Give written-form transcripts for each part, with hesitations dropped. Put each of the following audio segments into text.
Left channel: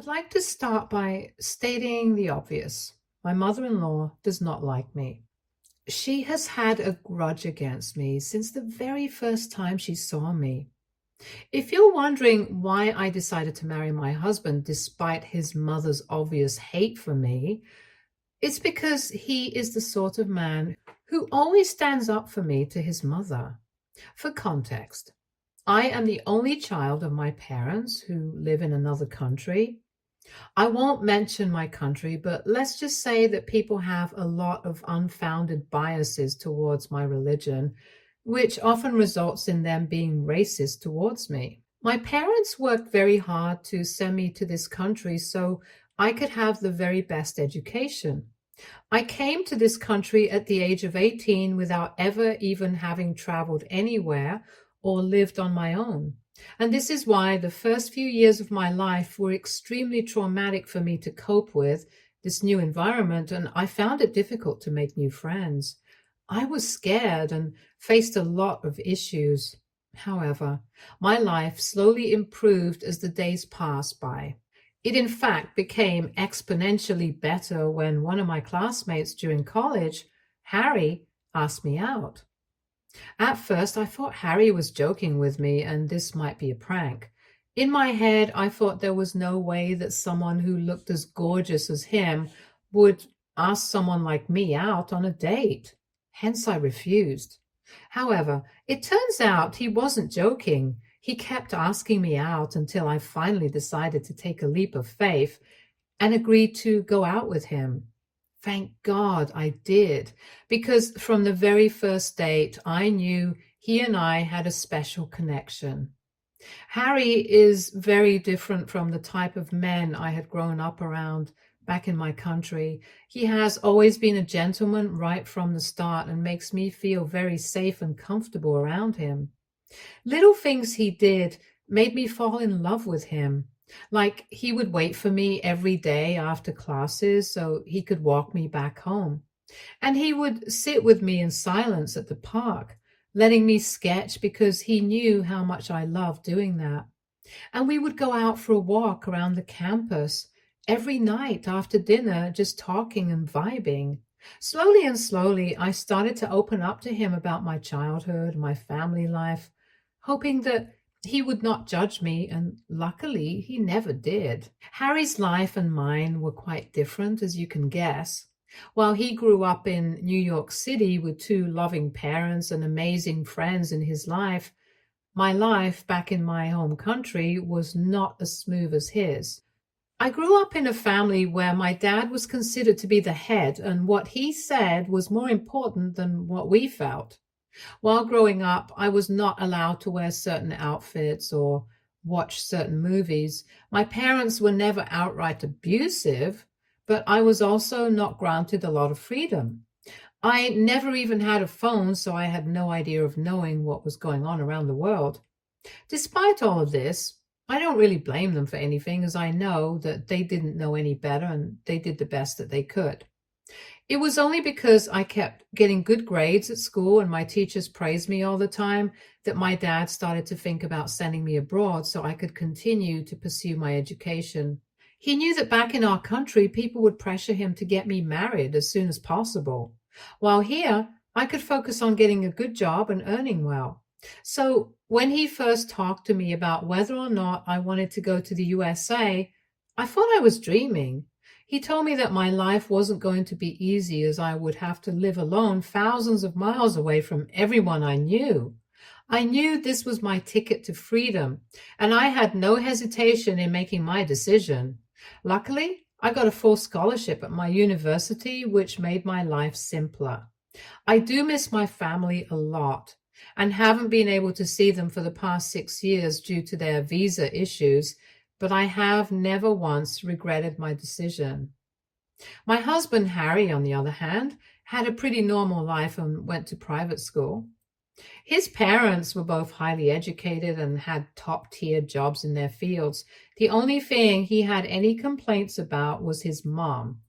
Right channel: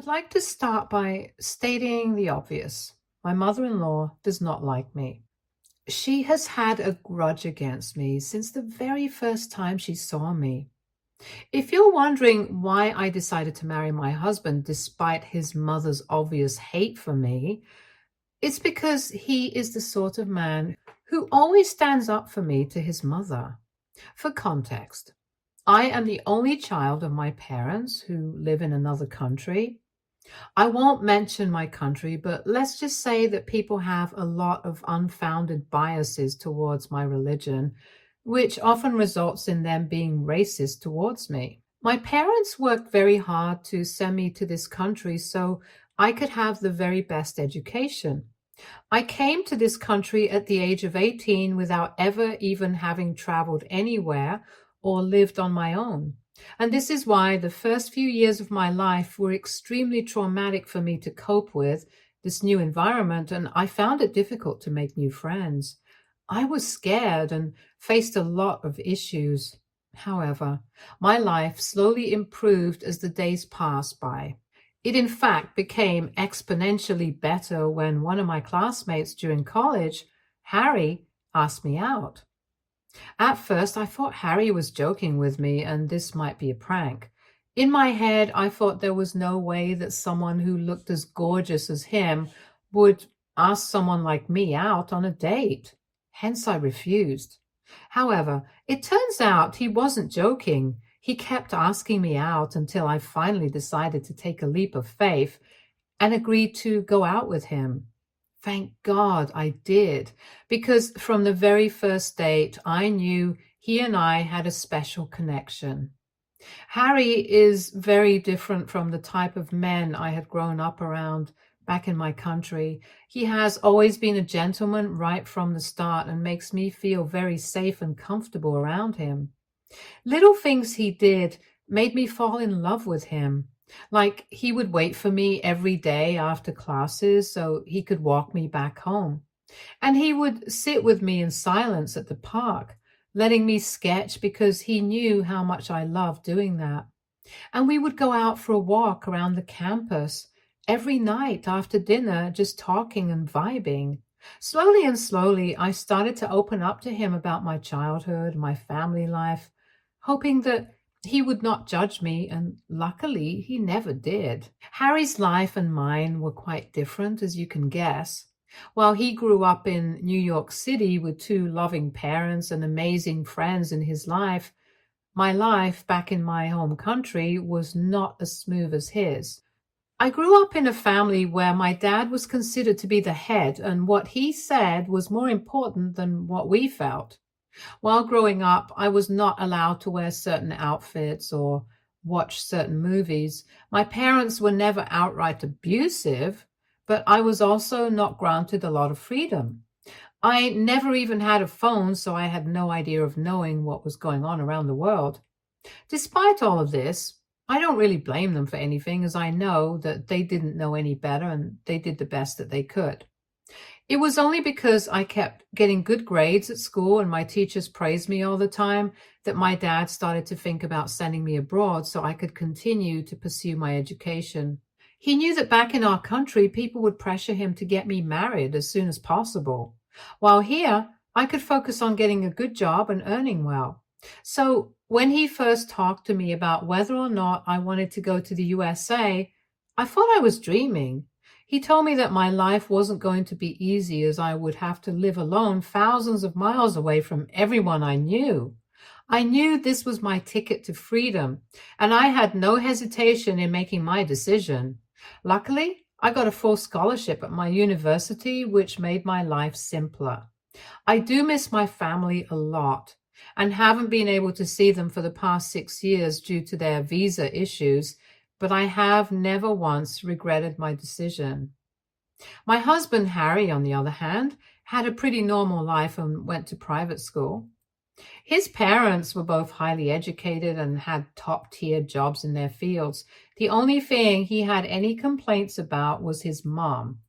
would like to start by stating the obvious. My mother-in-law does not like me. She has had a grudge against me since the very first time she saw me. If you're wondering why I decided to marry my husband despite his mother's obvious hate for me, it's because he is the sort of man who always stands up for me to his mother. For context, I am the only child of my parents who live in another country. I won't mention my country, but let's just say that people have a lot of unfounded biases towards my religion, which often results in them being racist towards me. My parents worked very hard to send me to this country so I could have the very best education. I came to this country at the age of 18 without ever even having traveled anywhere or lived on my own. And this is why the first few years of my life were extremely traumatic for me to cope with this new environment, and I found it difficult to make new friends. I was scared and faced a lot of issues. However, my life slowly improved as the days passed by. It in fact became exponentially better when one of my classmates during college, Harry, asked me out. At first, I thought Harry was joking with me and this might be a prank. In my head, I thought there was no way that someone who looked as gorgeous as him would ask someone like me out on a date. Hence, I refused. However, it turns out he wasn't joking. He kept asking me out until I finally decided to take a leap of faith and agreed to go out with him. Thank God I did, because from the very first date, I knew he and I had a special connection. Harry is very different from the type of men I had grown up around back in my country. He has always been a gentleman right from the start and makes me feel very safe and comfortable around him. Little things he did made me fall in love with him. Like he would wait for me every day after classes so he could walk me back home. And he would sit with me in silence at the park, letting me sketch because he knew how much I loved doing that. And we would go out for a walk around the campus every night after dinner, just talking and vibing. Slowly and slowly, I started to open up to him about my childhood, my family life, hoping that he would not judge me, and luckily he never did. Harry's life and mine were quite different, as you can guess. While he grew up in New York City with two loving parents and amazing friends in his life, my life back in my home country was not as smooth as his. I grew up in a family where my dad was considered to be the head, and what he said was more important than what we felt. While growing up, I was not allowed to wear certain outfits or watch certain movies. My parents were never outright abusive, but I was also not granted a lot of freedom. I never even had a phone, so I had no idea of knowing what was going on around the world. Despite all of this, I don't really blame them for anything, as I know that they didn't know any better and they did the best that they could. It was only because I kept getting good grades at school and my teachers praised me all the time that my dad started to think about sending me abroad so I could continue to pursue my education. He knew that back in our country, people would pressure him to get me married as soon as possible, while here I could focus on getting a good job and earning well. So when he first talked to me about whether or not I wanted to go to the USA, I thought I was dreaming. He told me that my life wasn't going to be easy, as I would have to live alone thousands of miles away from everyone I knew. I knew this was my ticket to freedom, and I had no hesitation in making my decision. Luckily, I got a full scholarship at my university, which made my life simpler. I do miss my family a lot and haven't been able to see them for the past 6 years due to their visa issues, but I have never once regretted my decision. My husband, Harry, on the other hand, had a pretty normal life and went to private school. His parents were both highly educated and had top-tier jobs in their fields. The only thing he had any complaints about was his mom.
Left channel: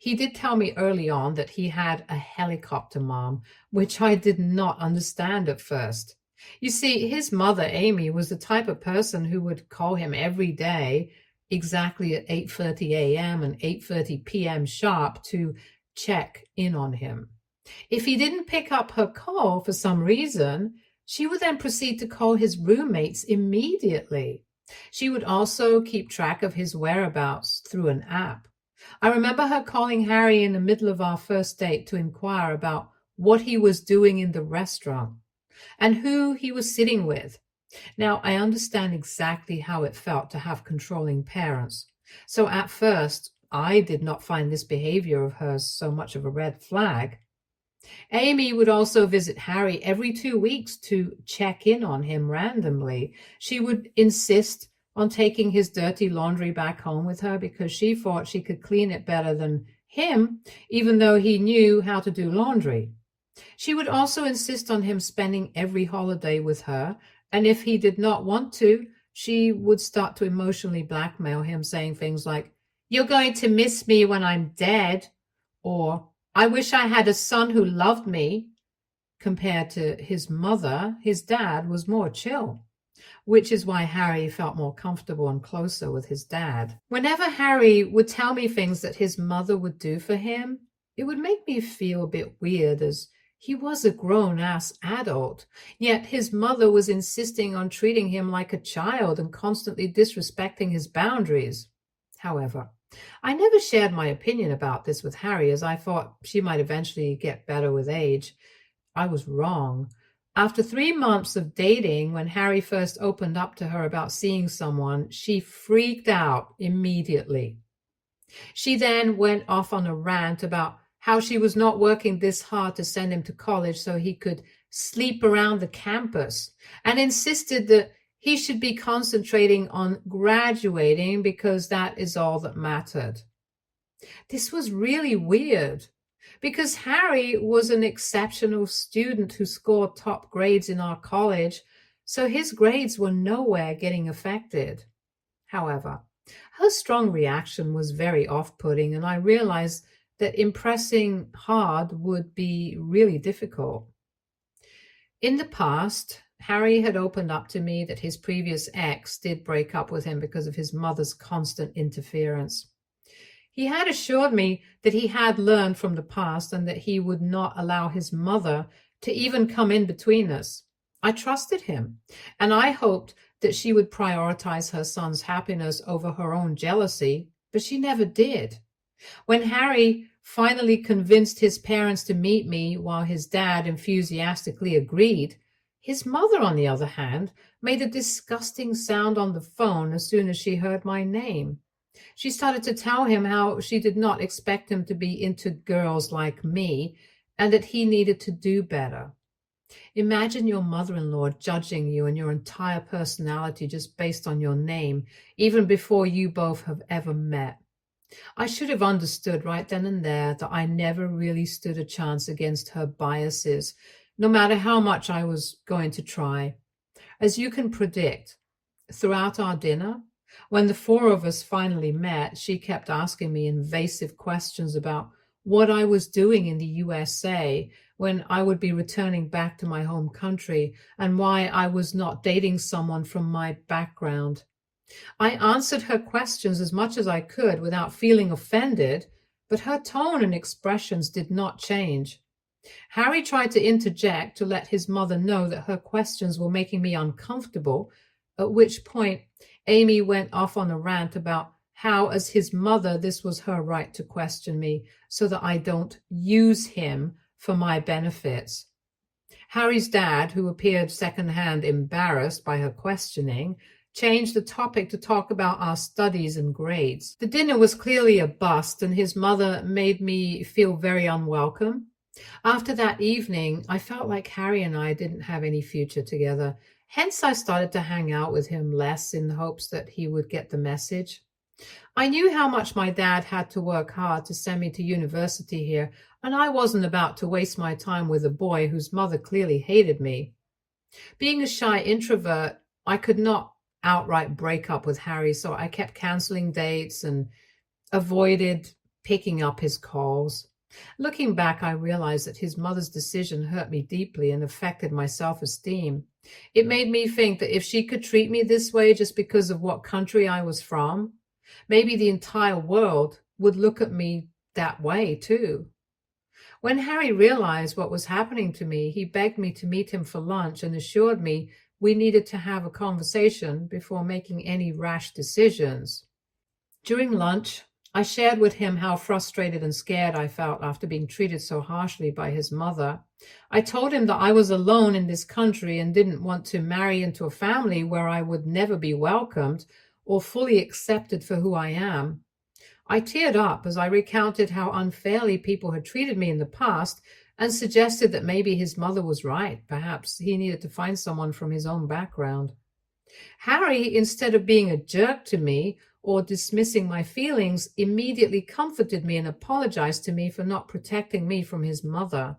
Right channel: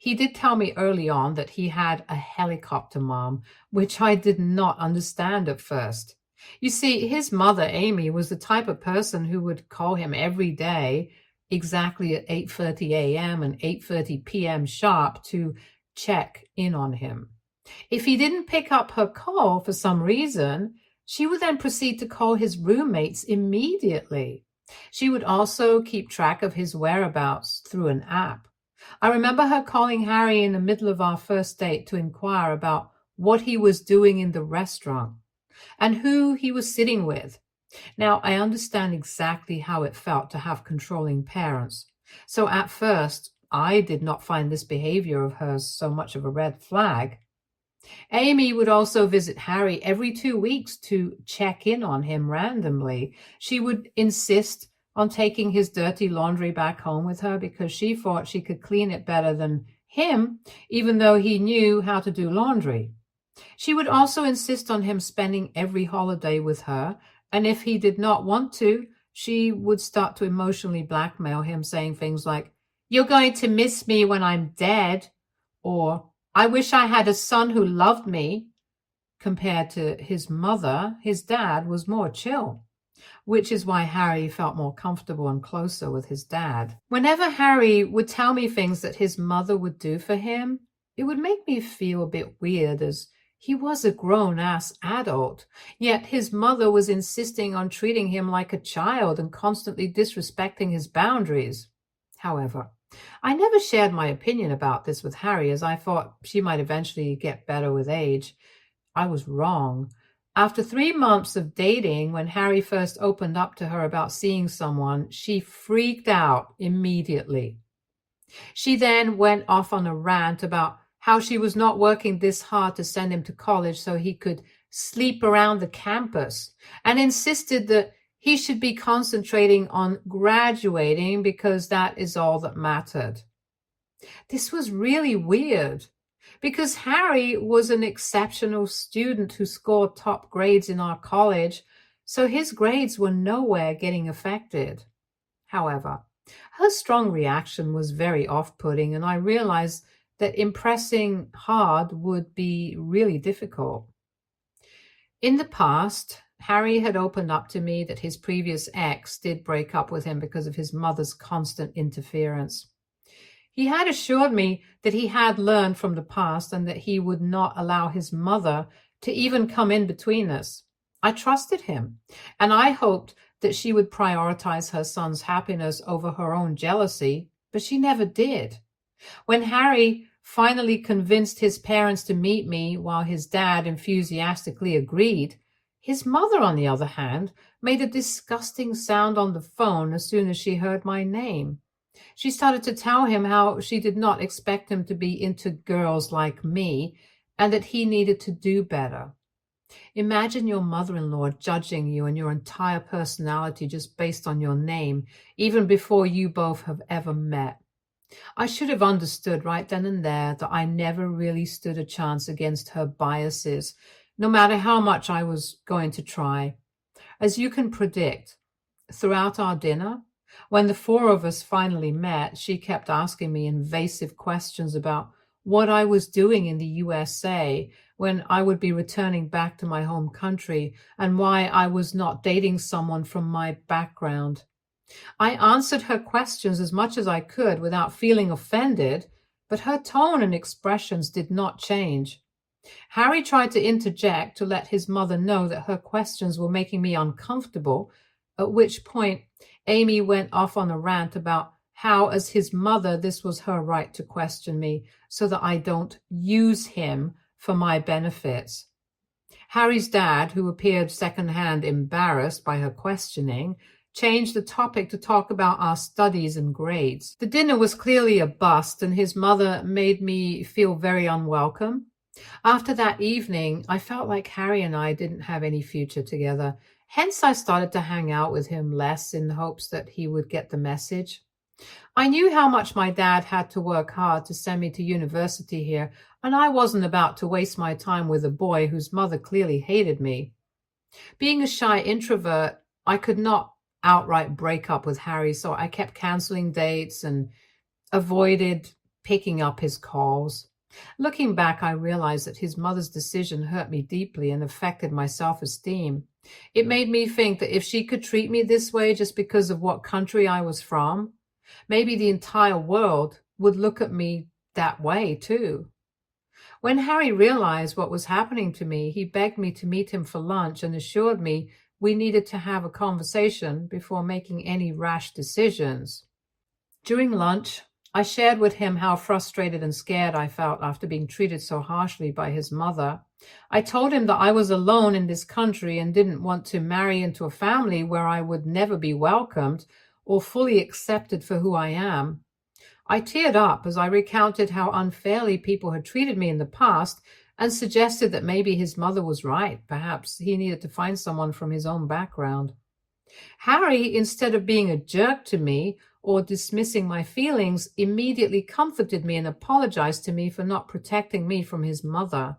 He did tell me early on that he had a helicopter mom, which I did not understand at first. You see, his mother, Amy, was the type of person who would call him every day, exactly at 8:30 a.m. and 8:30 p.m. sharp to check in on him. If he didn't pick up her call for some reason, she would then proceed to call his roommates immediately. She would also keep track of his whereabouts through an app. I remember her calling Harry in the middle of our first date to inquire about what he was doing in the restaurant and who he was sitting with. Now, I understand exactly how it felt to have controlling parents. So at first, I did not find this behavior of hers so much of a red flag. Amy would also visit Harry every 2 weeks to check in on him randomly. She would insist on taking his dirty laundry back home with her because she thought she could clean it better than him, even though he knew how to do laundry. She would also insist on him spending every holiday with her, and if he did not want to, she would start to emotionally blackmail him, saying things like, "You're going to miss me when I'm dead," or "I wish I had a son who loved me." Compared to his mother, his dad was more chill, which is why Harry felt more comfortable and closer with his dad. Whenever Harry would tell me things that his mother would do for him, it would make me feel a bit weird, as he was a grown-ass adult, yet his mother was insisting on treating him like a child and constantly disrespecting his boundaries. However, I never shared my opinion about this with Harry, as I thought she might eventually get better with age. I was wrong. After 3 months of dating, when Harry first opened up to her about seeing someone, she freaked out immediately. She then went off on a rant about how she was not working this hard to send him to college so he could sleep around the campus, and insisted that he should be concentrating on graduating because that is all that mattered. This was really weird because Harry was an exceptional student who scored top grades in our college, so his grades were nowhere getting affected. However, her strong reaction was very off-putting, and I realized that impressing hard would be really difficult. In the past, Harry had opened up to me that his previous ex did break up with him because of his mother's constant interference. He had assured me that he had learned from the past and that he would not allow his mother to even come in between us. I trusted him, and I hoped that she would prioritize her son's happiness over her own jealousy, but she never did. When Harry finally convinced his parents to meet me while his dad enthusiastically agreed, his mother, on the other hand, made a disgusting sound on the phone as soon as she heard my name. She started to tell him how she did not expect him to be into girls like me and that he needed to do better. Imagine your mother-in-law judging you and your entire personality just based on your name, even before you both have ever met. I should have understood right then and there that I never really stood a chance against her biases, no matter how much I was going to try. As you can predict, throughout our dinner, when the four of us finally met, she kept asking me invasive questions about what I was doing in the USA when I would be returning back to my home country, and why I was not dating someone from my background. I answered her questions as much as I could without feeling offended, but her tone and expressions did not change. Harry tried to interject to let his mother know that her questions were making me uncomfortable, at which point Amy went off on a rant about how, as his mother, this was her right to question me so that I don't use him for my benefits. Harry's dad, who appeared secondhand embarrassed by her questioning, changed the topic to talk about our studies and grades. The dinner was clearly a bust, and his mother made me feel very unwelcome. After that evening, I felt like Harry and I didn't have any future together. Hence, I started to hang out with him less in hopes that he would get the message. I knew how much my dad had to work hard to send me to university here, and I wasn't about to waste my time with a boy whose mother clearly hated me. Being a shy introvert, I could not outright break up with Harry, so I kept canceling dates and avoided picking up his calls. Looking back, I realized that his mother's decision hurt me deeply and affected my self-esteem. It made me think that if she could treat me this way just because of what country I was from, Maybe the entire world would look at me that way too. When Harry realized what was happening to me, he begged me to meet him for lunch and assured me we needed to have a conversation before making any rash decisions. During lunch, I shared with him how frustrated and scared I felt after being treated so harshly by his mother. I told him that I was alone in this country and didn't want to marry into a family where I would never be welcomed or fully accepted for who I am. I teared up as I recounted how unfairly people had treated me in the past and suggested that maybe his mother was right. Perhaps he needed to find someone from his own background. Harry, instead of being a jerk to me or dismissing my feelings, immediately comforted me and apologized to me for not protecting me from his mother.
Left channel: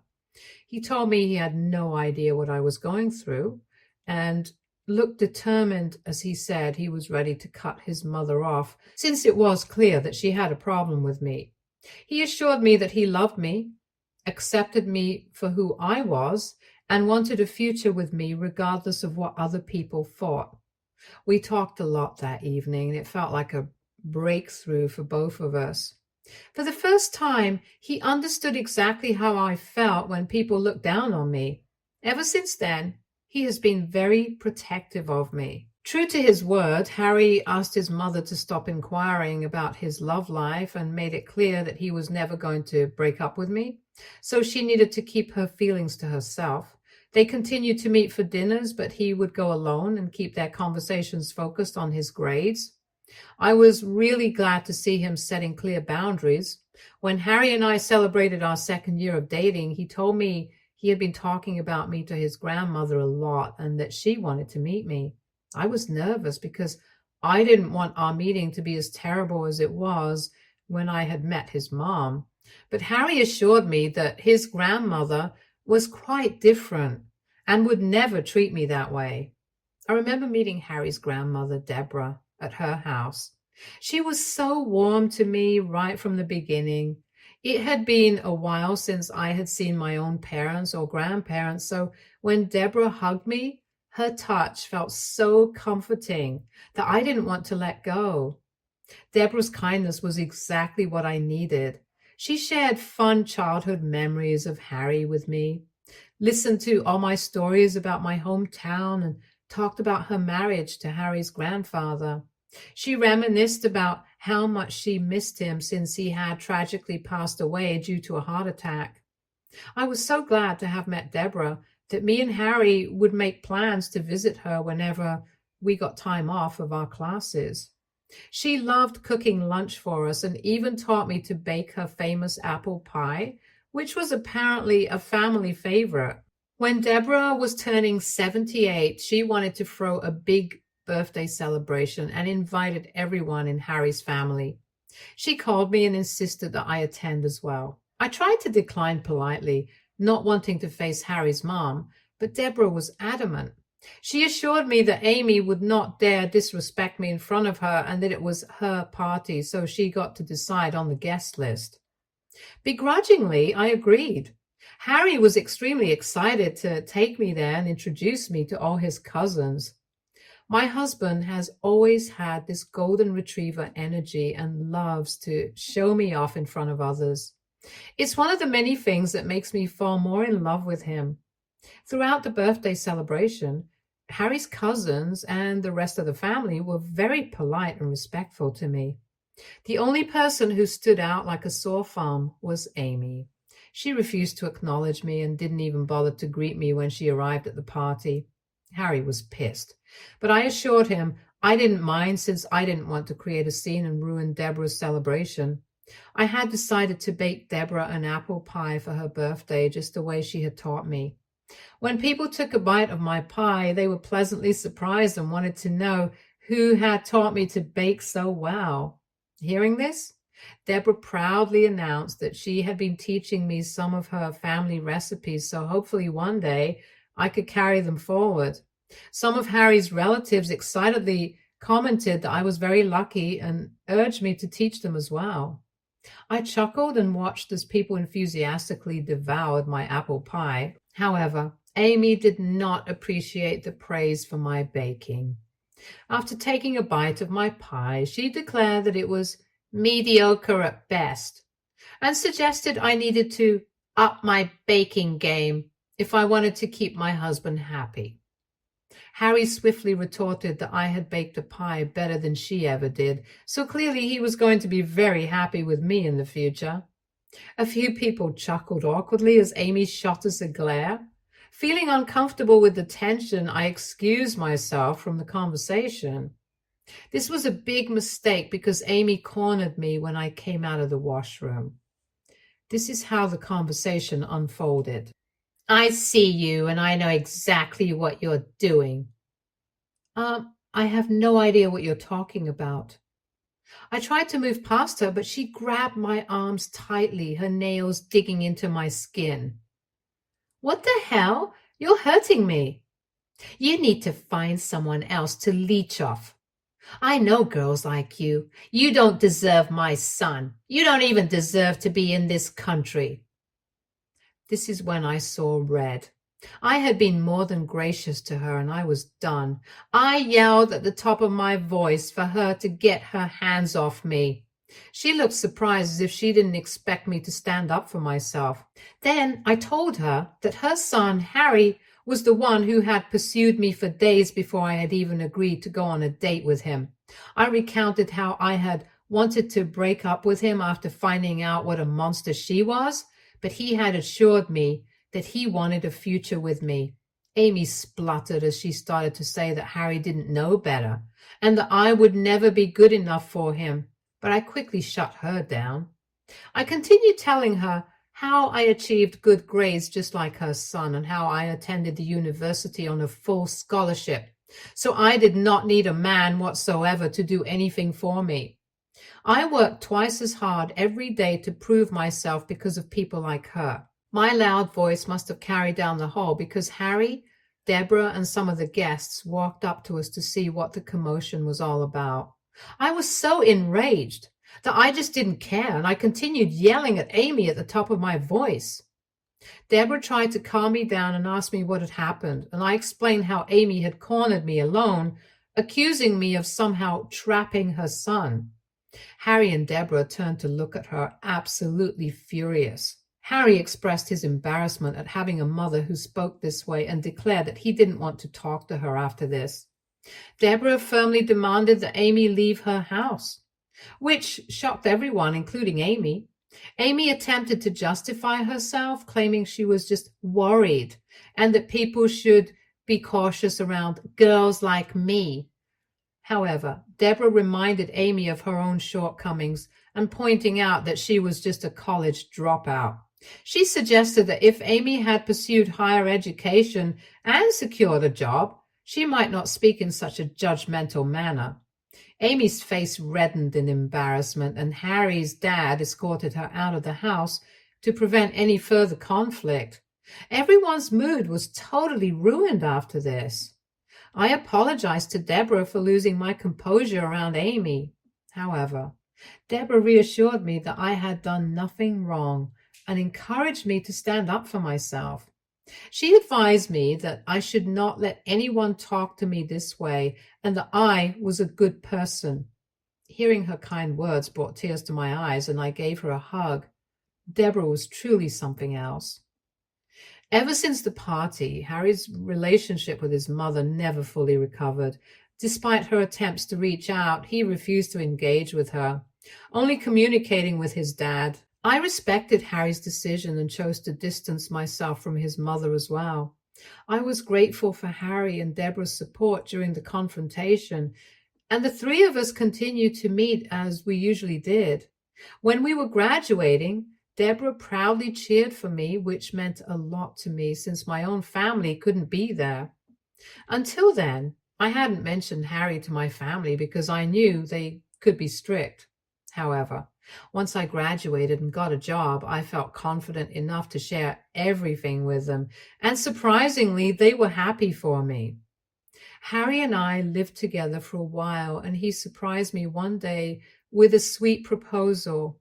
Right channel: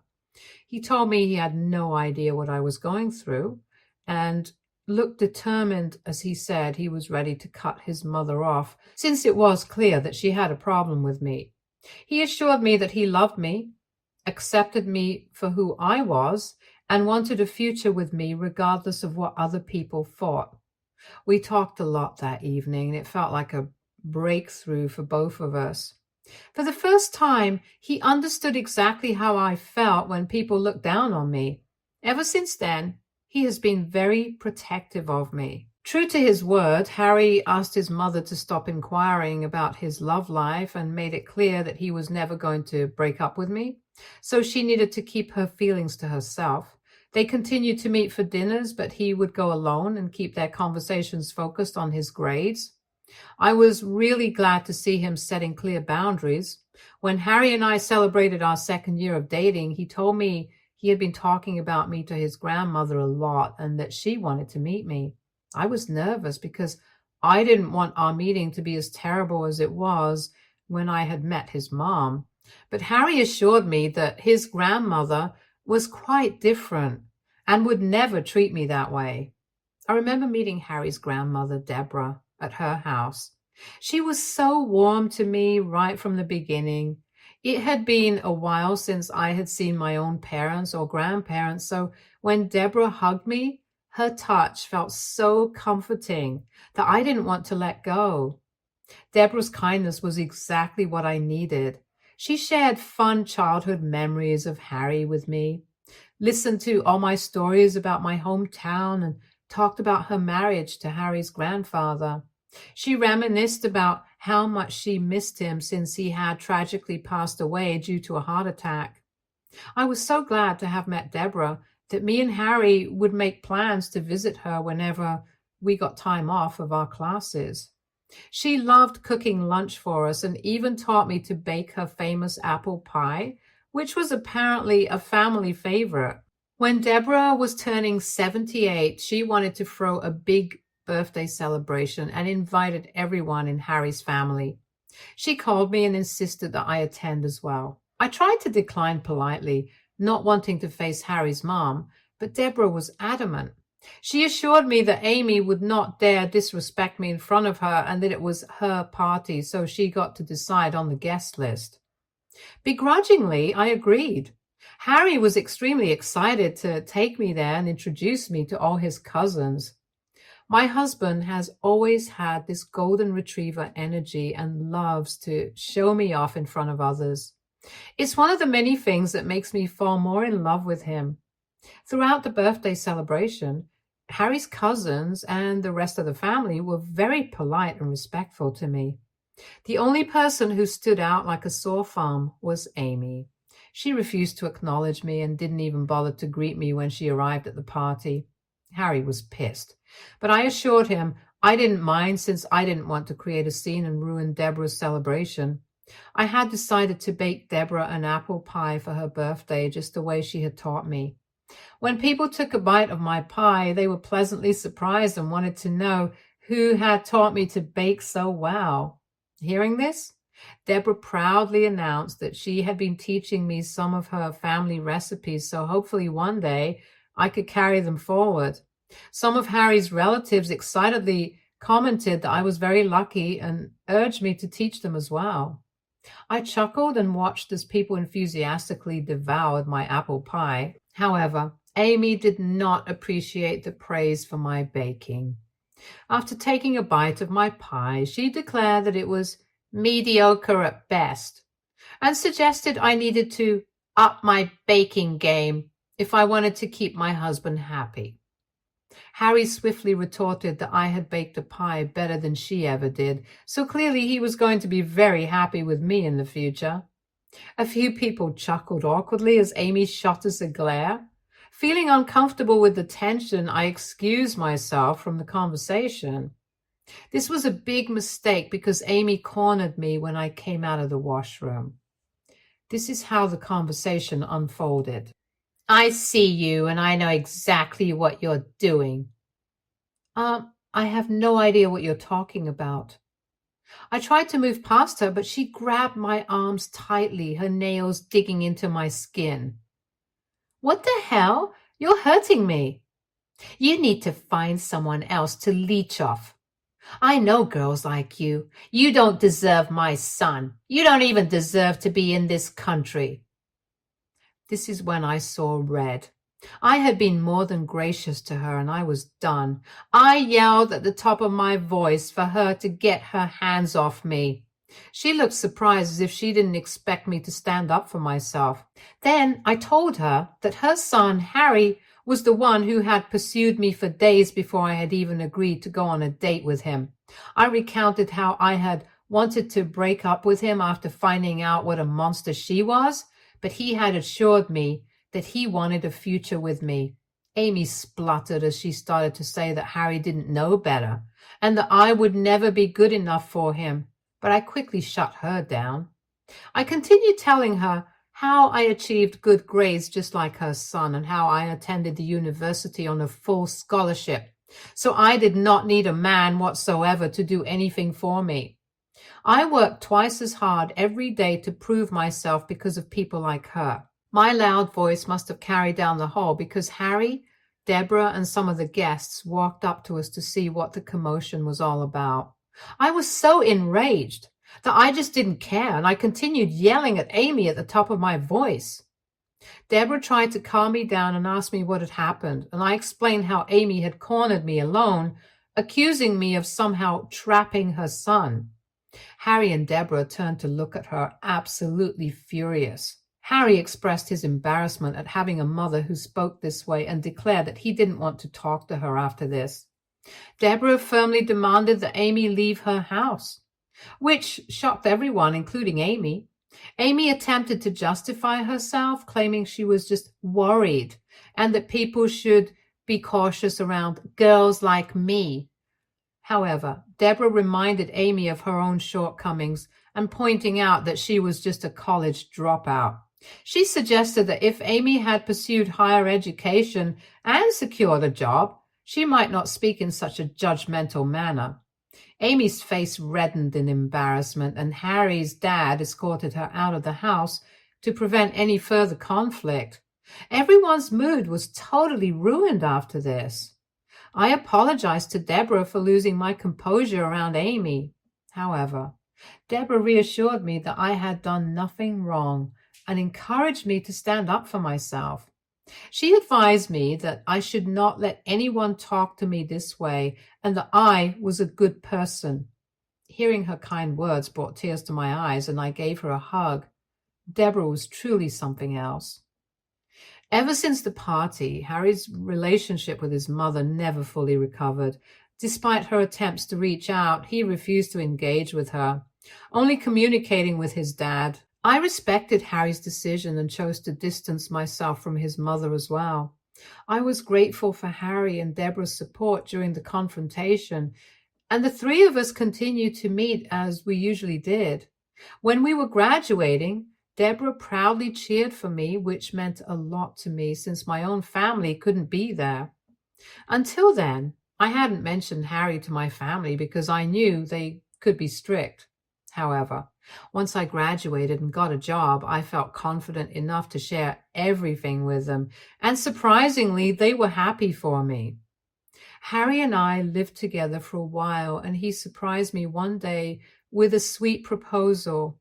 He told me he had no idea what I was going through and looked determined as he said he was ready to cut his mother off, since it was clear that she had a problem with me. He assured me that he loved me, accepted me for who I was, and wanted a future with me regardless of what other people thought. We talked a lot that evening, and it felt like a breakthrough for both of us. For the first time, he understood exactly how I felt when people looked down on me. Ever since then, he has been very protective of me. True to his word, Harry asked his mother to stop inquiring about his love life and made it clear that he was never going to break up with me, so she needed to keep her feelings to herself. They continued to meet for dinners, but he would go alone and keep their conversations focused on his grades. I was really glad to see him setting clear boundaries. When Harry and I celebrated our second year of dating, he told me he had been talking about me to his grandmother a lot and that she wanted to meet me. I was nervous because I didn't want our meeting to be as terrible as it was when I had met his mom. But Harry assured me that his grandmother was quite different and would never treat me that way. I remember meeting Harry's grandmother, Deborah, at her house. She was so warm to me right from the beginning. It had been a while since I had seen my own parents or grandparents, so when Deborah hugged me, her touch felt so comforting that I didn't want to let go. Deborah's kindness was exactly what I needed. She shared fun childhood memories of Harry with me, listened to all my stories about my hometown, and talked about her marriage to Harry's grandfather. She reminisced about how much she missed him since he had tragically passed away due to a heart attack. I was so glad to have met Deborah that me and Harry would make plans to visit her whenever we got time off of our classes. She loved cooking lunch for us and even taught me to bake her famous apple pie, which was apparently a family favorite. When Deborah was turning 78, she wanted to throw a big birthday celebration and invited everyone in Harry's family. She called me and insisted that I attend as well. I tried to decline politely, not wanting to face Harry's mom, but Deborah was adamant. She assured me that Amy would not dare disrespect me in front of her and that it was her party, so she got to decide on the guest list. Begrudgingly, I agreed. Harry was extremely excited to take me there and introduce me to all his cousins. My husband has always had this golden retriever energy and loves to show me off in front of others. It's one of the many things that makes me fall more in love with him. Throughout the birthday celebration, Harry's cousins and the rest of the family were very polite and respectful to me. The only person who stood out like a sore thumb was Amy. She refused to acknowledge me and didn't even bother to greet me when she arrived at the party. Harry was pissed, but I assured him I didn't mind since I didn't want to create a scene and ruin Deborah's celebration. I had decided to bake Deborah an apple pie for her birthday just the way she had taught me. When people took a bite of my pie, they were pleasantly surprised and wanted to know who had taught me to bake so well. Hearing this, Deborah proudly announced that she had been teaching me some of her family recipes, so hopefully one day I could carry them forward. Some of Harry's relatives excitedly commented that I was very lucky and urged me to teach them as well. I chuckled and watched as people enthusiastically devoured my apple pie. However, Amy did not appreciate the praise for my baking. After taking a bite of my pie, she declared that it was mediocre at best and suggested I needed to up my baking game if I wanted to keep my husband happy. Harry swiftly retorted that I had baked a pie better than she ever did, so clearly he was going to be very happy with me in the future. A few people chuckled awkwardly as Amy shot us a glare. Feeling uncomfortable with the tension, I excused myself from the conversation. This was a big mistake because Amy cornered me when I came out of the washroom. This is how the conversation unfolded. I see you and I know exactly what you're doing. I have no idea what you're talking about. I tried to move past her, but she grabbed my arms tightly, her nails digging into my skin. What the hell? You're hurting me. You need to find someone else to leech off. I know girls like you. You don't deserve my son. You don't even deserve to be in this country. This is when I saw red. I had been more than gracious to her, and I was done. I yelled at the top of my voice for her to get her hands off me. She looked surprised as if she didn't expect me to stand up for myself. Then I told her that her son, Harry, was the one who had pursued me for days before I had even agreed to go on a date with him. I recounted how I had wanted to break up with him after finding out what a monster she was, but he had assured me that he wanted a future with me. Amy spluttered as she started to say that Harry didn't know better and that I would never be good enough for him, but I quickly shut her down. I continued telling her how I achieved good grades just like her son and how I attended the university on a full scholarship, so I did not need a man whatsoever to do anything for me. I worked twice as hard every day to prove myself because of people like her. My loud voice must have carried down the hall because Harry, Deborah, and some of the guests walked up to us to see what the commotion was all about. I was so enraged that I just didn't care, and I continued yelling at Amy at the top of my voice. Deborah tried to calm me down and asked me what had happened, and I explained how Amy had cornered me alone, accusing me of somehow trapping her son. Harry and Deborah turned to look at her, absolutely furious. Harry expressed his embarrassment at having a mother who spoke this way and declared that he didn't want to talk to her after this. Deborah firmly demanded that Amy leave her house, which shocked everyone, including Amy. Amy attempted to justify herself, claiming she was just worried and that people should be cautious around girls like me. However, Deborah reminded Amy of her own shortcomings and pointing out that she was just a college dropout. She suggested that if Amy had pursued higher education and secured a job, she might not speak in such a judgmental manner. Amy's face reddened in embarrassment, and Harry's dad escorted her out of the house to prevent any further conflict. Everyone's mood was totally ruined after this. I apologized to Deborah for losing my composure around Amy. However, Deborah reassured me that I had done nothing wrong and encouraged me to stand up for myself. She advised me that I should not let anyone talk to me this way and that I was a good person. Hearing her kind words brought tears to my eyes, and I gave her a hug. Deborah was truly something else. Ever since the party, Harry's relationship with his mother never fully recovered. Despite her attempts to reach out, he refused to engage with her, only communicating with his dad. I respected Harry's decision and chose to distance myself from his mother as well. I was grateful for Harry and Deborah's support during the confrontation, and the three of us continued to meet as we usually did. When we were graduating, Deborah proudly cheered for me, which meant a lot to me since my own family couldn't be there. Until then, I hadn't mentioned Harry to my family because I knew they could be strict. However, once I graduated and got a job, I felt confident enough to share everything with them, and surprisingly, they were happy for me. Harry and I lived together for a while, and he surprised me one day with a sweet proposal.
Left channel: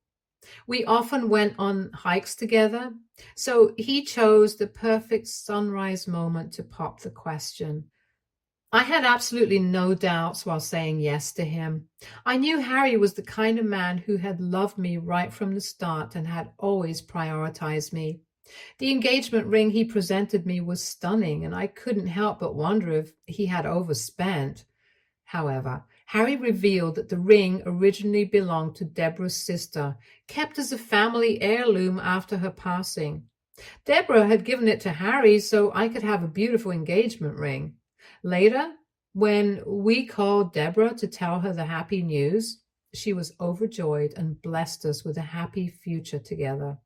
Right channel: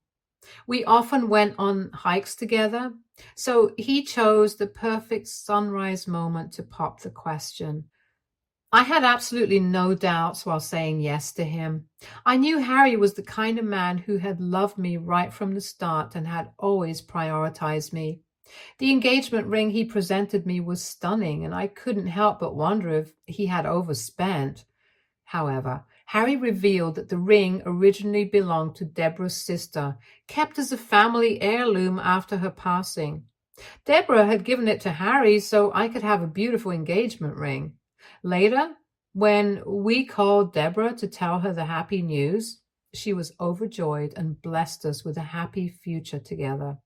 We often went on hikes together, so he chose the perfect sunrise moment to pop the question. I had absolutely no doubts while saying yes to him. I knew Harry was the kind of man who had loved me right from the start and had always prioritized me. The engagement ring he presented me was stunning, and I couldn't help but wonder if he had overspent. However, Harry revealed that the ring originally belonged to Deborah's sister, kept as a family heirloom after her passing. Deborah had given it to Harry so I could have a beautiful engagement ring. Later, when we called Deborah to tell her the happy news, she was overjoyed and blessed us with a happy future together.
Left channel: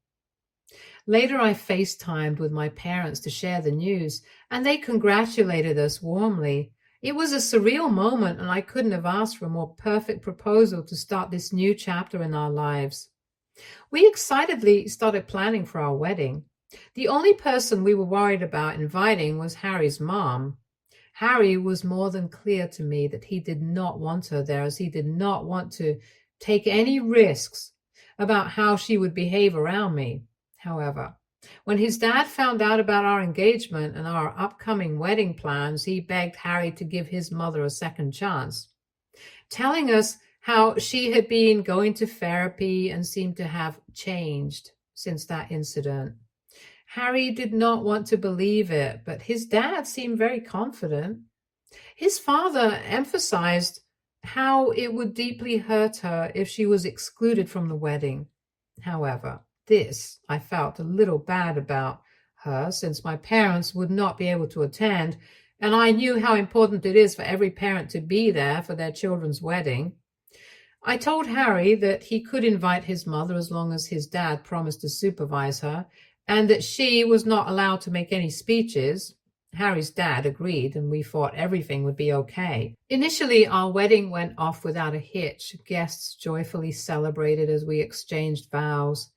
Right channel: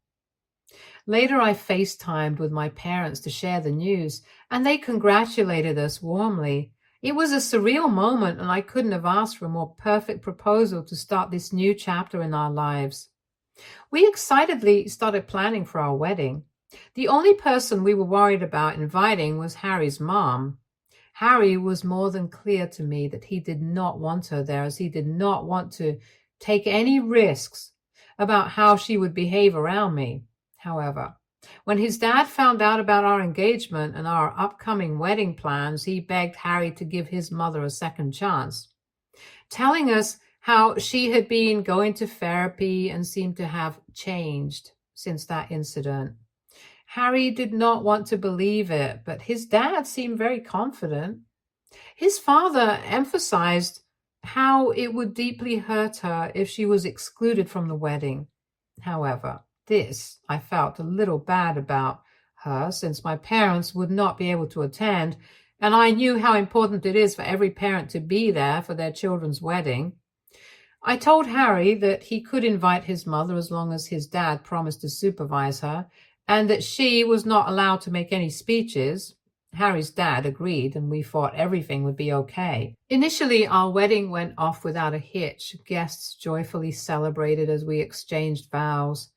Later, I FaceTimed with my parents to share the news, and they congratulated us warmly. It was a surreal moment, and I couldn't have asked for a more perfect proposal to start this new chapter in our lives. We excitedly started planning for our wedding. The only person we were worried about inviting was Harry's mom. Harry was more than clear to me that he did not want her there, as he did not want to take any risks about how she would behave around me. However, when his dad found out about our engagement and our upcoming wedding plans, he begged Harry to give his mother a second chance, telling us how she had been going to therapy and seemed to have changed since that incident. Harry did not want to believe it, but his dad seemed very confident. His father emphasized how it would deeply hurt her if she was excluded from the wedding. However, this I felt a little bad about her, since my parents would not be able to attend, and I knew how important it is for every parent to be there for their children's wedding. I told Harry that he could invite his mother as long as his dad promised to supervise her, and that she was not allowed to make any speeches. Harry's dad agreed, and we thought everything would be okay. Initially, our wedding went off without a hitch. Guests joyfully celebrated as we exchanged vows.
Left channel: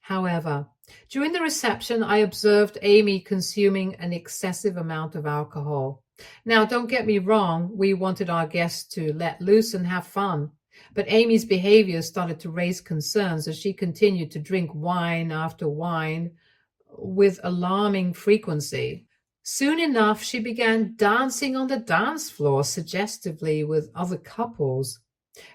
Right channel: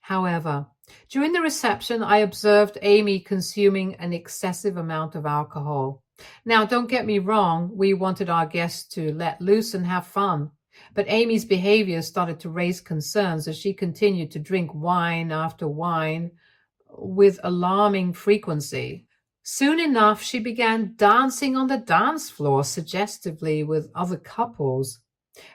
However, during the reception, I observed Amy consuming an excessive amount of alcohol. Now, don't get me wrong, we wanted our guests to let loose and have fun. But Amy's behavior started to raise concerns as she continued to drink wine after wine with alarming frequency. Soon enough, she began dancing on the dance floor suggestively with other couples.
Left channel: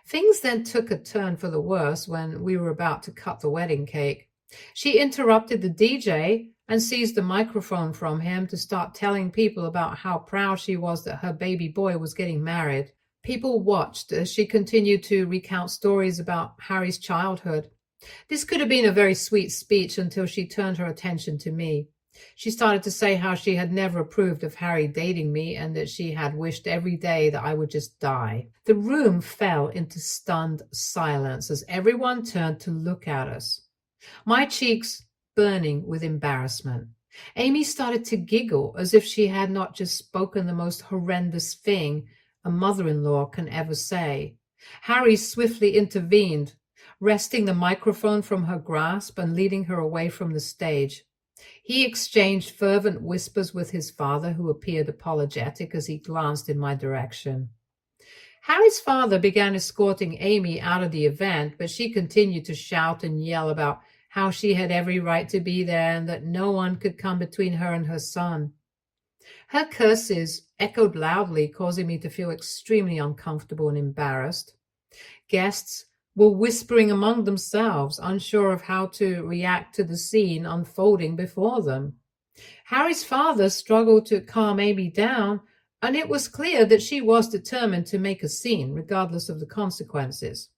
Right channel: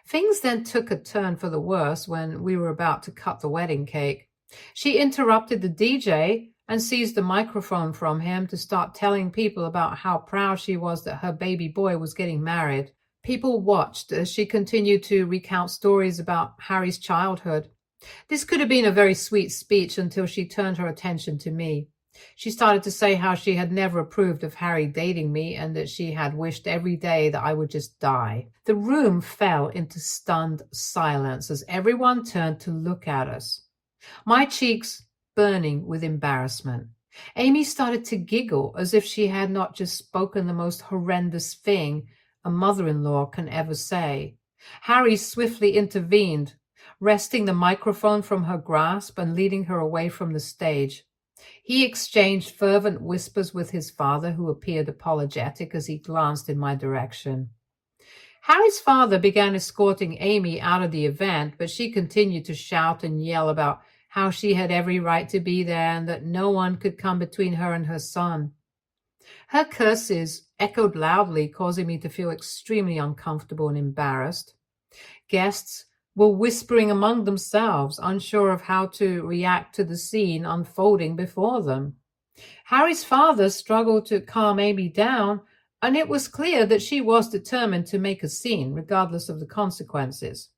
Things then took a turn for the worse when we were about to cut the wedding cake. She interrupted the DJ and seized the microphone from him to start telling people about how proud she was that her baby boy was getting married. People watched as she continued to recount stories about Harry's childhood. This could have been a very sweet speech until she turned her attention to me. She started to say how she had never approved of Harry dating me and that she had wished every day that I would just die. The room fell into stunned silence as everyone turned to look at us, my cheeks burning with embarrassment. Amy started to giggle as if she had not just spoken the most horrendous thing a mother-in-law can ever say. Harry swiftly intervened, wresting the microphone from her grasp and leading her away from the stage. He exchanged fervent whispers with his father, who appeared apologetic as he glanced in my direction. Harry's father began escorting Amy out of the event, but she continued to shout and yell about how she had every right to be there and that no one could come between her and her son. Her curses echoed loudly, causing me to feel extremely uncomfortable and embarrassed. Guests were whispering among themselves, unsure of how to react to the scene unfolding before them. Harry's father struggled to calm Amy down, and it was clear that she was determined to make a scene, regardless of the consequences.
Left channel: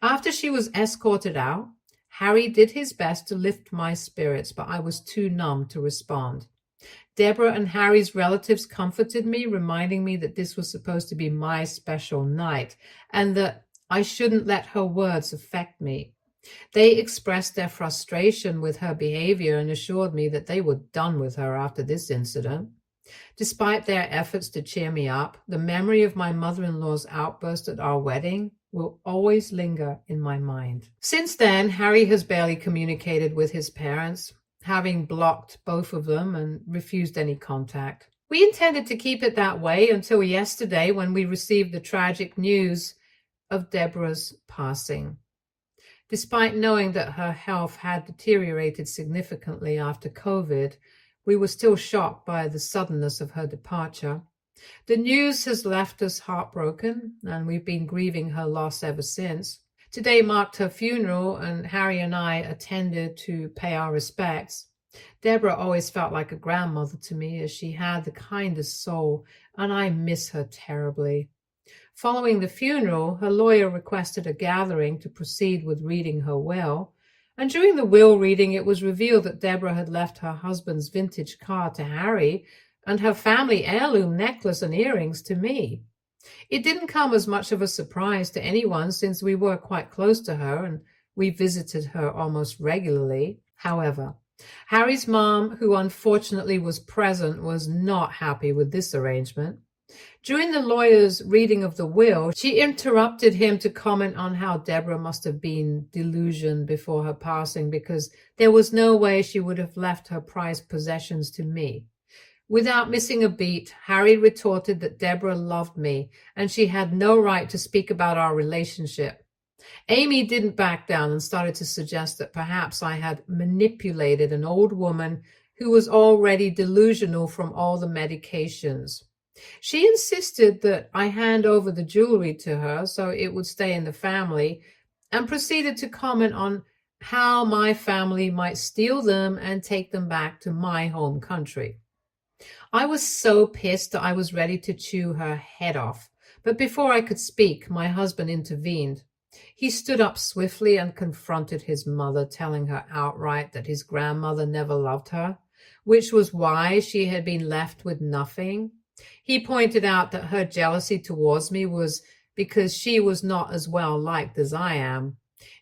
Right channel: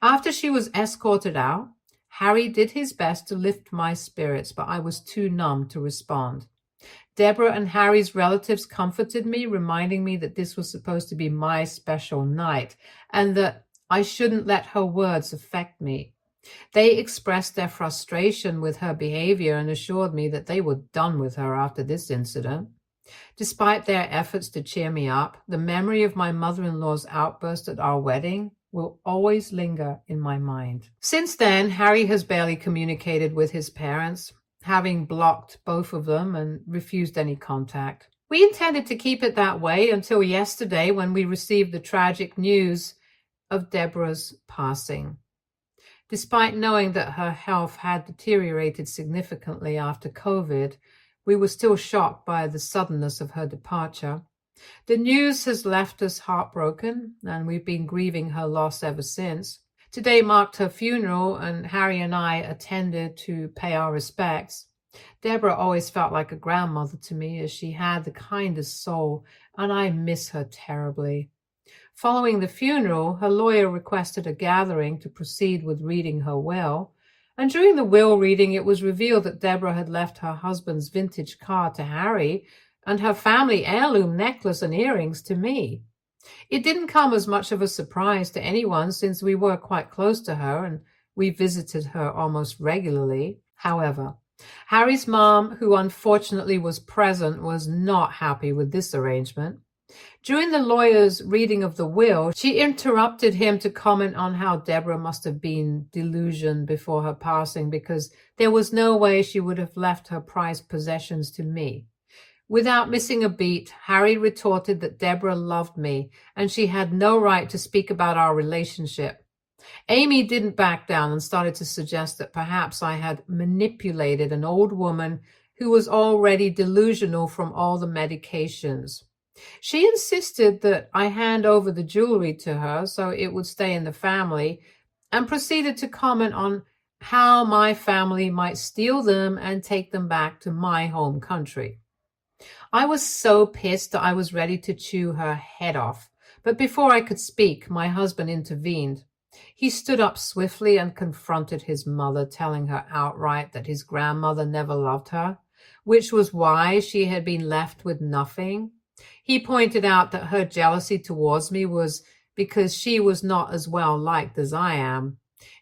After she was escorted out, Harry did his best to lift my spirits, but I was too numb to respond. Deborah and Harry's relatives comforted me, reminding me that this was supposed to be my special night, and that I shouldn't let her words affect me. They expressed their frustration with her behavior and assured me that they were done with her after this incident. Despite their efforts to cheer me up, the memory of my mother-in-law's outburst at our wedding will always linger in my mind. Since then, Harry has barely communicated with his parents, having blocked both of them and refused any contact. We intended to keep it that way until yesterday, when we received the tragic news of Deborah's passing. Despite knowing that her health had deteriorated significantly after COVID, we were still shocked by the suddenness of her departure. The news has left us heartbroken, and we've been grieving her loss ever since. Today marked her funeral, and Harry and I attended to pay our respects. Deborah always felt like a grandmother to me, as she had the kindest soul, and I miss her terribly. Following the funeral, her lawyer requested a gathering to proceed with reading her will, and during the will reading, it was revealed that Deborah had left her husband's vintage car to Harry and her family heirloom necklace and earrings to me. It didn't come as much of a surprise to anyone, since we were quite close to her and we visited her almost regularly. However, Harry's mom, who unfortunately was present, was not happy with this arrangement. During the lawyer's reading of the will, she interrupted him to comment on how Deborah must have been delusioned before her passing, because there was no way she would have left her prized possessions to me. Without missing a beat, Harry retorted that Deborah loved me and she had no right to speak about our relationship. Amy didn't back down and started to suggest that perhaps I had manipulated an old woman who was already delusional from all the medications. She insisted that I hand over the jewelry to her so it would stay in the family, and proceeded to comment on how my family might steal them and take them back to my home country. I was so pissed that I was ready to chew her head off, but before I could speak, my husband intervened. He stood up swiftly and confronted his mother, telling her outright that his grandmother never loved her, which was why she had been left with nothing. He pointed out that her jealousy towards me was because she was not as well liked as I am.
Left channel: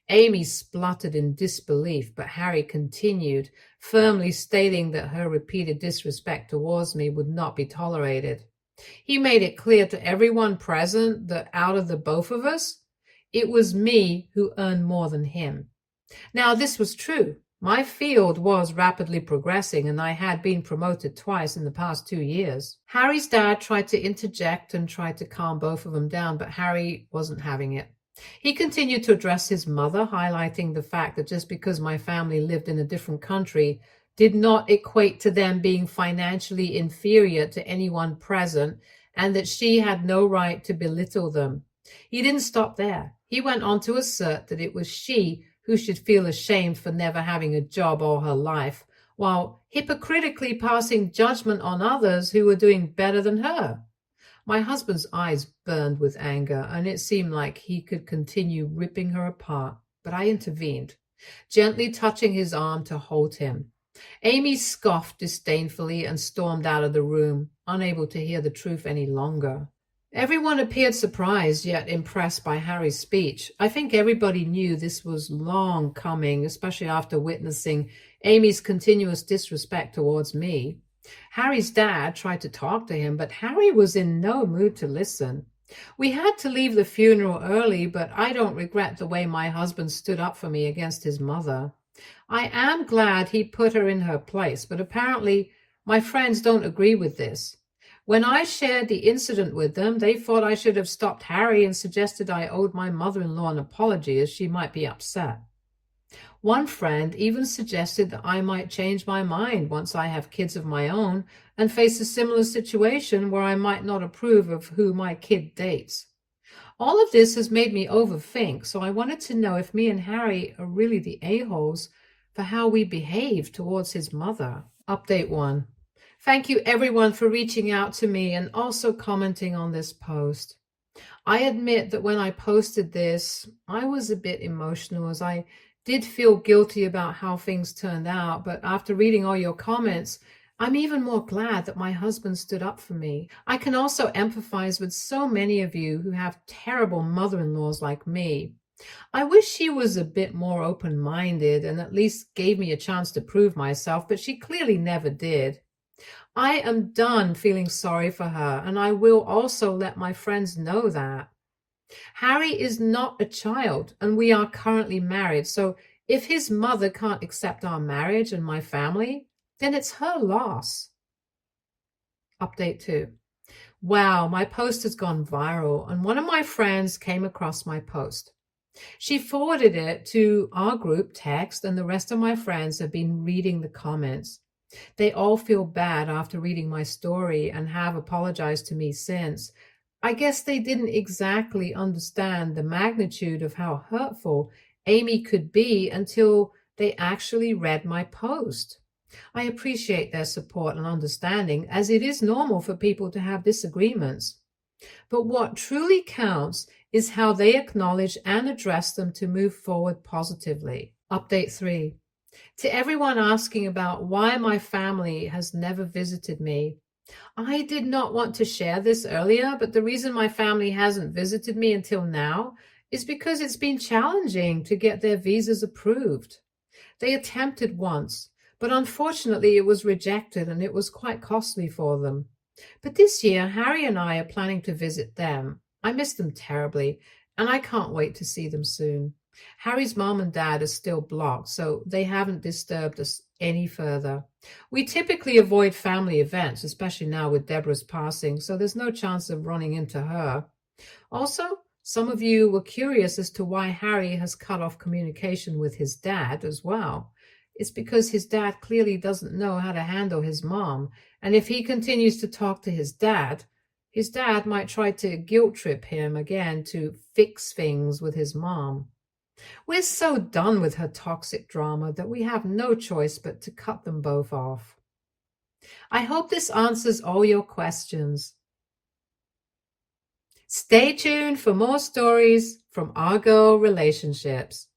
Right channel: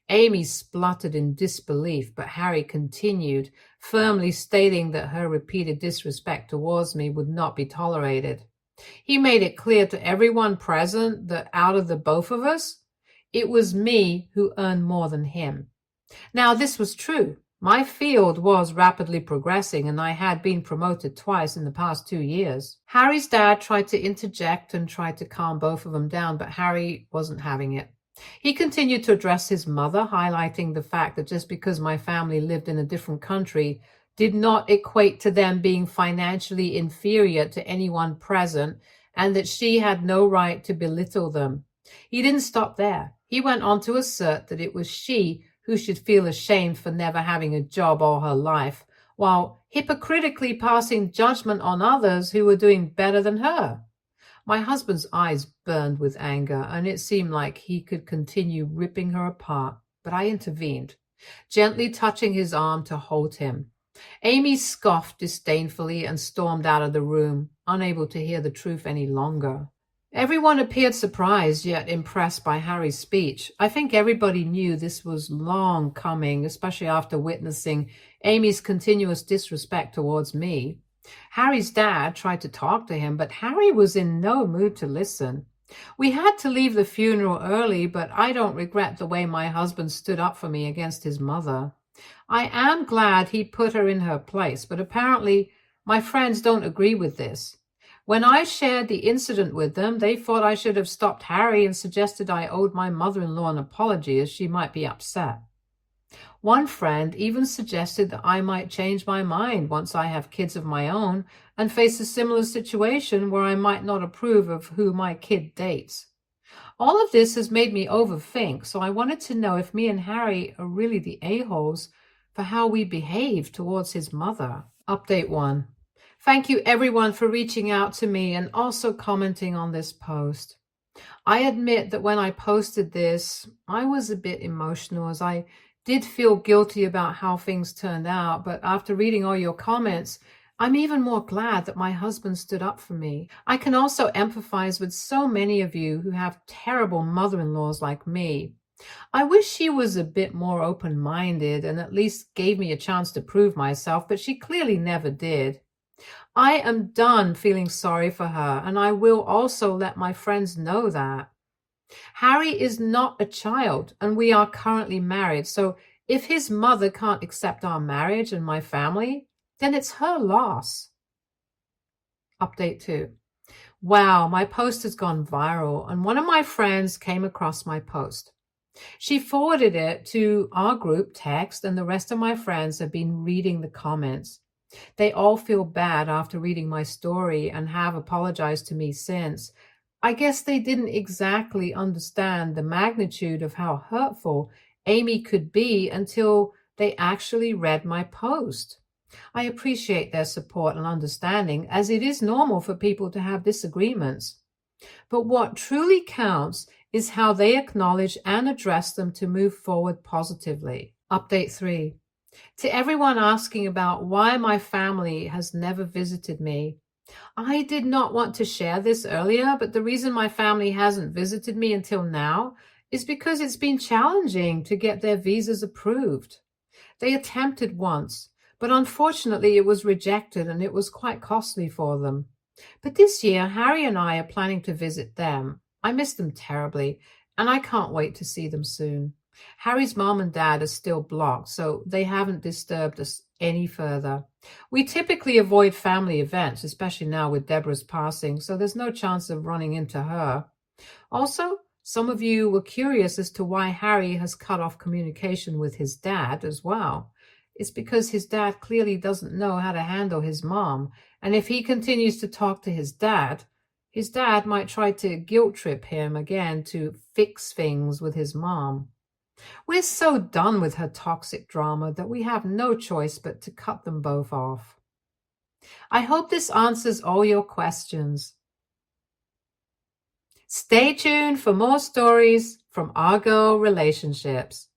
Amy spluttered in disbelief, but Harry continued, firmly stating that her repeated disrespect towards me would not be tolerated. He made it clear to everyone present that out of the both of us, it was me who earned more than him. Now, this was true. My field was rapidly progressing, and I had been promoted twice in the past 2 years. Harry's dad tried to interject and tried to calm both of them down, but Harry wasn't having it. He continued to address his mother, highlighting the fact that just because my family lived in a different country did not equate to them being financially inferior to anyone present, and that she had no right to belittle them. He didn't stop there. He went on to assert that it was she who should feel ashamed for never having a job all her life, while hypocritically passing judgment on others who were doing better than her. My husband's eyes burned with anger, and it seemed like he could continue ripping her apart, but I intervened, gently touching his arm to hold him. Amy scoffed disdainfully and stormed out of the room, unable to hear the truth any longer. Everyone appeared surprised yet impressed by Harry's speech. I think everybody knew this was long coming, especially after witnessing Amy's continuous disrespect towards me. Harry's dad tried to talk to him, but Harry was in no mood to listen. We had to leave the funeral early, but I don't regret the way my husband stood up for me against his mother. I am glad he put her in her place, but apparently my friends don't agree with this. When I shared the incident with them, they thought I should have stopped Harry and suggested I owed my mother-in-law an apology, as she might be upset. One friend even suggested that I might change my mind once I have kids of my own and face a similar situation where I might not approve of who my kid dates. All of this has made me overthink, so I wanted to know if me and Harry are really the a-holes for how we behave towards his mother. Update 1. Thank you everyone for reaching out to me and also commenting on this post. I admit that when I posted this, I was a bit emotional, as I did feel guilty about how things turned out, but after reading all your comments, I'm even more glad that my husband stood up for me. I can also empathize with so many of you who have terrible mother-in-laws like me. I wish she was a bit more open-minded and at least gave me a chance to prove myself, but she clearly never did. I am done feeling sorry for her, and I will also let my friends know that. Harry is not a child, and we are currently married, so if his mother can't accept our marriage and my family, then it's her loss. Update 2. Wow, my post has gone viral, and one of my friends came across my post. She forwarded it to our group text, and the rest of my friends have been reading the comments. They all feel bad after reading my story and have apologized to me since. I guess they didn't exactly understand the magnitude of how hurtful Amy could be until they actually read my post. I appreciate their support and understanding, as it is normal for people to have disagreements. But what truly counts is how they acknowledge and address them to move forward positively. Update 3. To everyone asking about why my family has never visited me, I did not want to share this earlier, but the reason my family hasn't visited me until now is because it's been challenging to get their visas approved. They attempted once, but unfortunately it was rejected and it was quite costly for them. But this year, Harry and I are planning to visit them. I miss them terribly, and I can't wait to see them soon. Harry's mom and dad are still blocked, so they haven't disturbed us any further. We typically avoid family events, especially now with Deborah's passing, so there's no chance of running into her. Also, some of you were curious as to why Harry has cut off communication with his dad as well. It's because his dad clearly doesn't know how to handle his mom, and if he continues to talk to his dad might try to guilt trip him again to fix things with his mom. We're so done with her toxic drama that we have no choice but to cut them both off. I hope this answers all your questions. Stay tuned for more stories from Argo Relationships.